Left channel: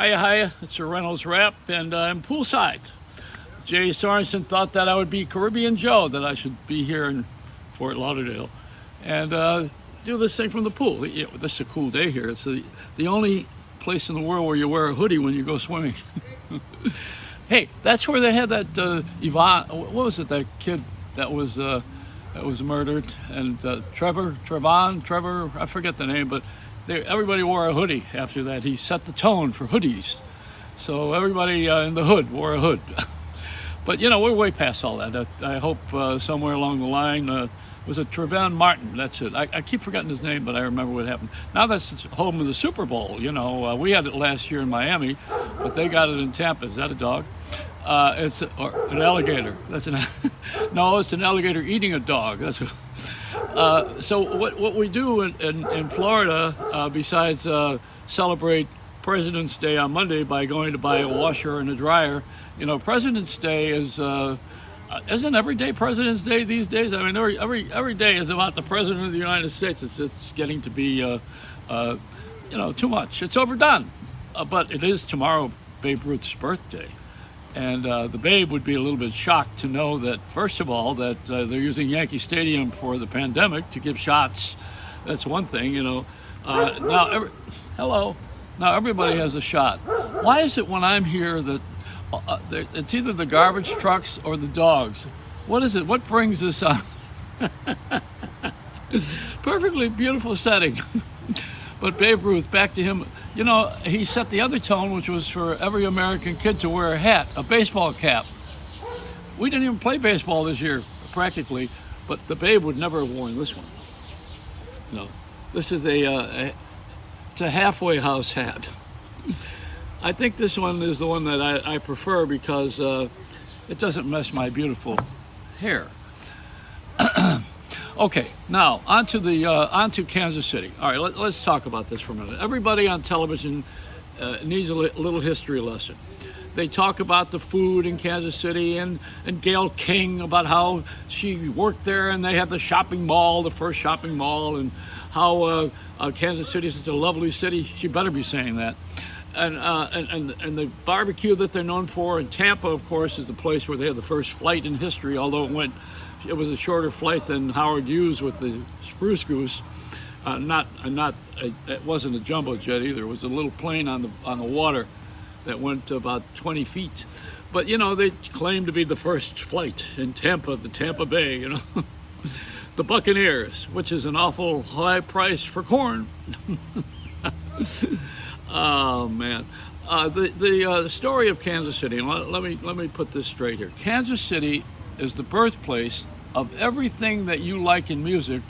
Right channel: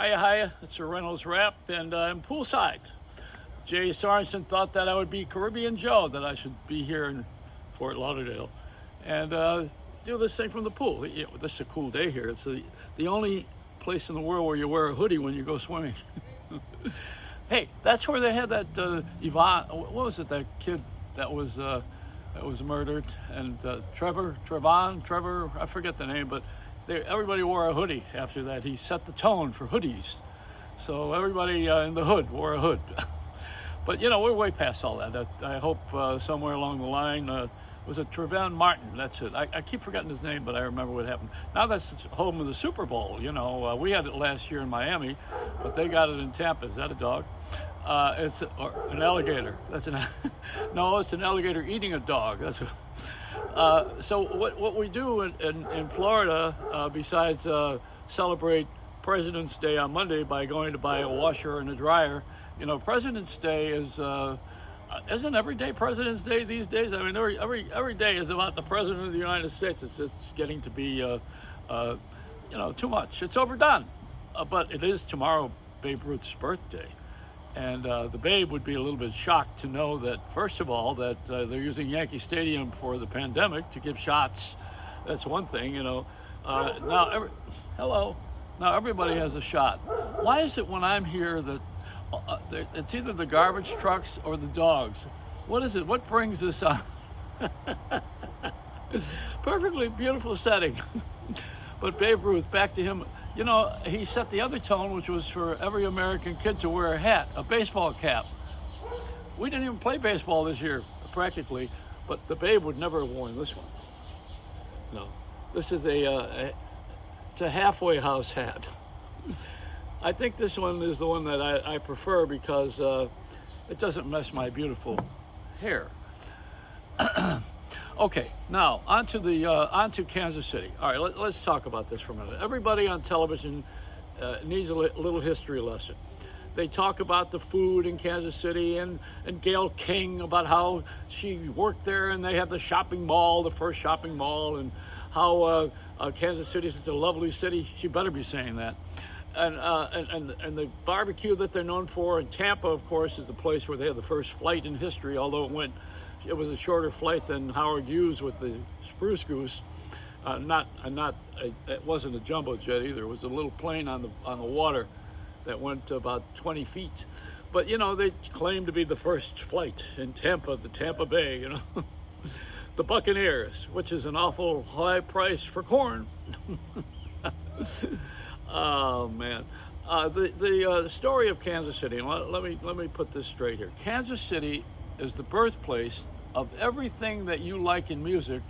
Hiya, hiya, it's a Reynolds Wrap, and I'm poolside. Jay Sorensen thought that I would be Caribbean Joe, that I should be here in Fort Lauderdale, and do this thing from the pool. This is a cool day here. It's the only place in the world where you wear a hoodie when you go swimming. Hey, that's where they had that Yvonne, what was it, that kid that was murdered, and Trevor, I forget the name, but everybody wore a hoodie after that. He set the tone for hoodies. So everybody in the hood wore a hood. But, we're way past all that. I hope somewhere along the line, was it Trevon Martin? That's it. I keep forgetting his name, but I remember what happened. Now that's home of the Super Bowl. We had it last year in Miami, but they got it in Tampa. Is that a dog? It's an alligator. No, it's an alligator eating a dog. So what we do in Florida, besides celebrate President's Day on Monday by going to buy a washer and a dryer, President's Day isn't every day President's Day these days? I mean, every day is about the President of the United States. It's getting to be too much. It's overdone. But it is tomorrow Babe Ruth's birthday. And the Babe would be a little bit shocked to know that, first of all, that they're using Yankee Stadium for the pandemic to give shots. That's one thing, Hello. Now everybody has a shot. Why is it when I'm here that it's either the garbage trucks or the dogs? What is it? What brings this on? Perfectly beautiful setting. But Babe Ruth, back to him, he set the other tone, which was for every American kid to wear a hat, a baseball cap. We didn't even play baseball this year, practically, but the Babe would never have worn this one. This is it's a halfway house hat. I think this one is the one that I prefer because it doesn't mess my beautiful hair. Okay, now onto Kansas City. All right, let's talk about this for a minute. Everybody on television needs a little history lesson. They talk about the food in Kansas City and Gayle King, about how she worked there, and they have the shopping mall, the first shopping mall, and how Kansas City is such a lovely city. She better be saying that. And the barbecue that they're known for. And Tampa, of course, is the place where they had the first flight in history, although it was a shorter flight than Howard Hughes with the Spruce Goose. It wasn't a jumbo jet either. It was a little plane on the water that went about 20 feet. But they claimed to be the first flight in Tampa, the Tampa Bay. The Buccaneers, which is an awful high price for corn. Oh man, the story of Kansas City. And let me put this straight here. Kansas City is the birthplace of everything that you like in music.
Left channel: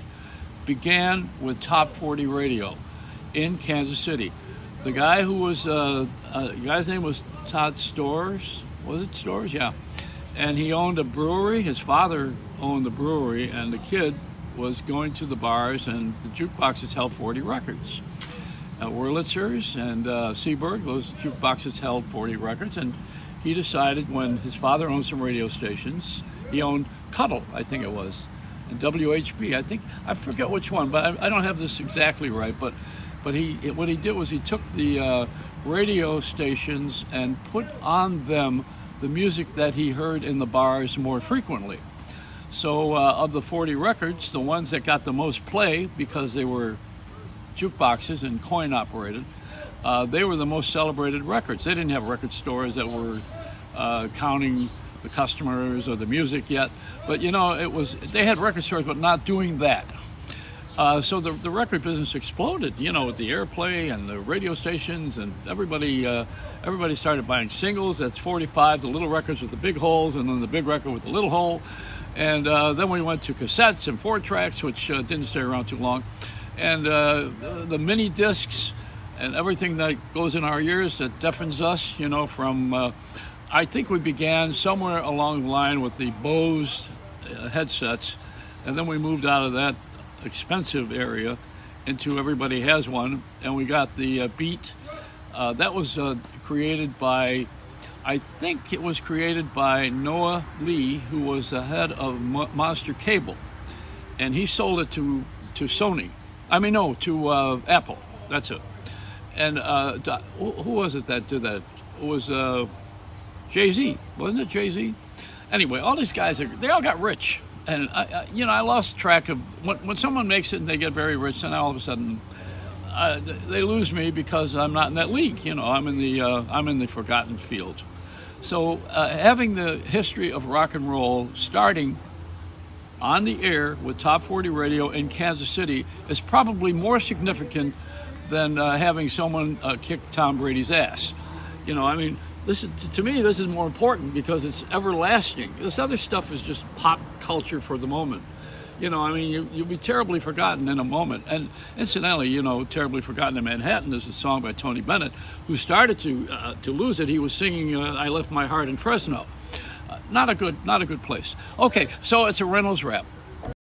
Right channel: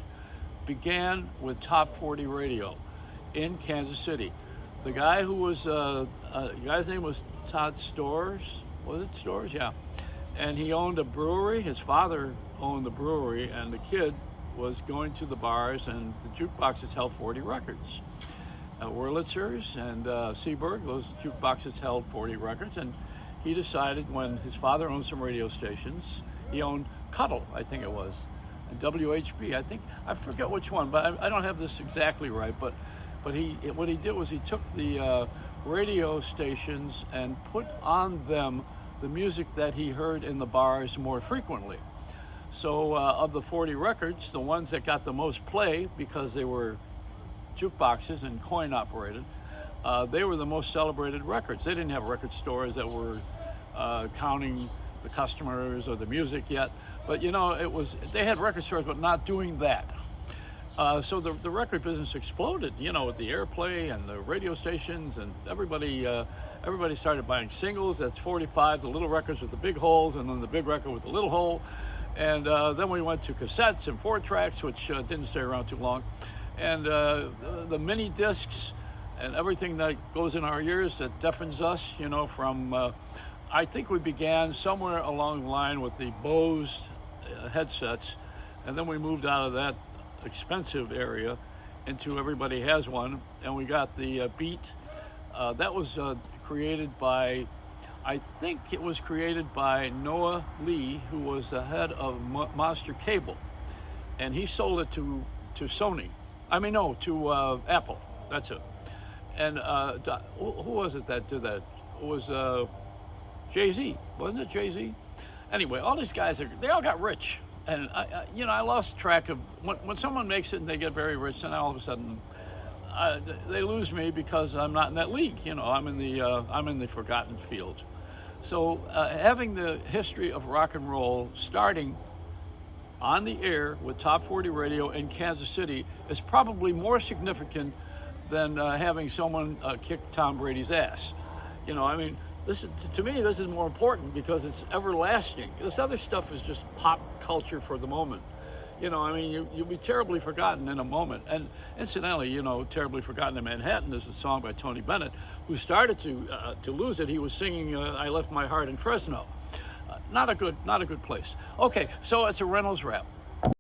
Began with Top 40 radio in Kansas City. The guy who was the guy's name was Todd Storrs. Was it Storrs? Yeah. And he owned a brewery. His father owned the brewery, and the kid was going to the bars, and the jukeboxes held 40 records. Wurlitzer's and Seaberg, those jukeboxes held 40 records, and he decided, when his father owned some radio stations, he owned Cuddle, I think it was, and WHB, I forget which one, but I don't have this exactly right, but what he did was he took the radio stations and put on them the music that he heard in the bars more frequently. So of the 40 records, the ones that got the most play, because they were jukeboxes and coin operated, they were the most celebrated records. They didn't have record stores that were counting the customers or the music yet, but they had record stores, but not doing that. So the record business exploded, with the airplay and the radio stations, and everybody started buying singles. That's 45, the little records with the big holes, and then the big record with the little hole. And then we went to cassettes and 4-tracks, which didn't stay around too long. And the mini discs and everything that goes in our ears that deafens us, from, I think we began somewhere along the line with the Bose headsets, and then we moved out of that expensive area into everybody has one, and we got the Beat. That was created by, I think it was created by Noah Lee, who was the head of Monster Cable, and he sold it to Sony. To Apple. That's it. And who was it that did that? It was Jay-Z, wasn't it Jay-Z? Anyway, all these guys, they all got rich. And, I lost track of, when someone makes it and they get very rich, then all of a sudden they lose me because I'm not in that league. I'm in the forgotten field. So having the history of rock and roll starting on the air with Top 40 Radio in Kansas City is probably more significant than having someone kick Tom Brady's ass. This is, to me, this is more important because it's everlasting. This other stuff is just pop culture for the moment. You'll be terribly forgotten in a moment. And incidentally, Terribly Forgotten in Manhattan is a song by Tony Bennett, who started to lose it. He was singing I Left My Heart in Fresno. Not a good place. Okay, so it's a Reynolds rap.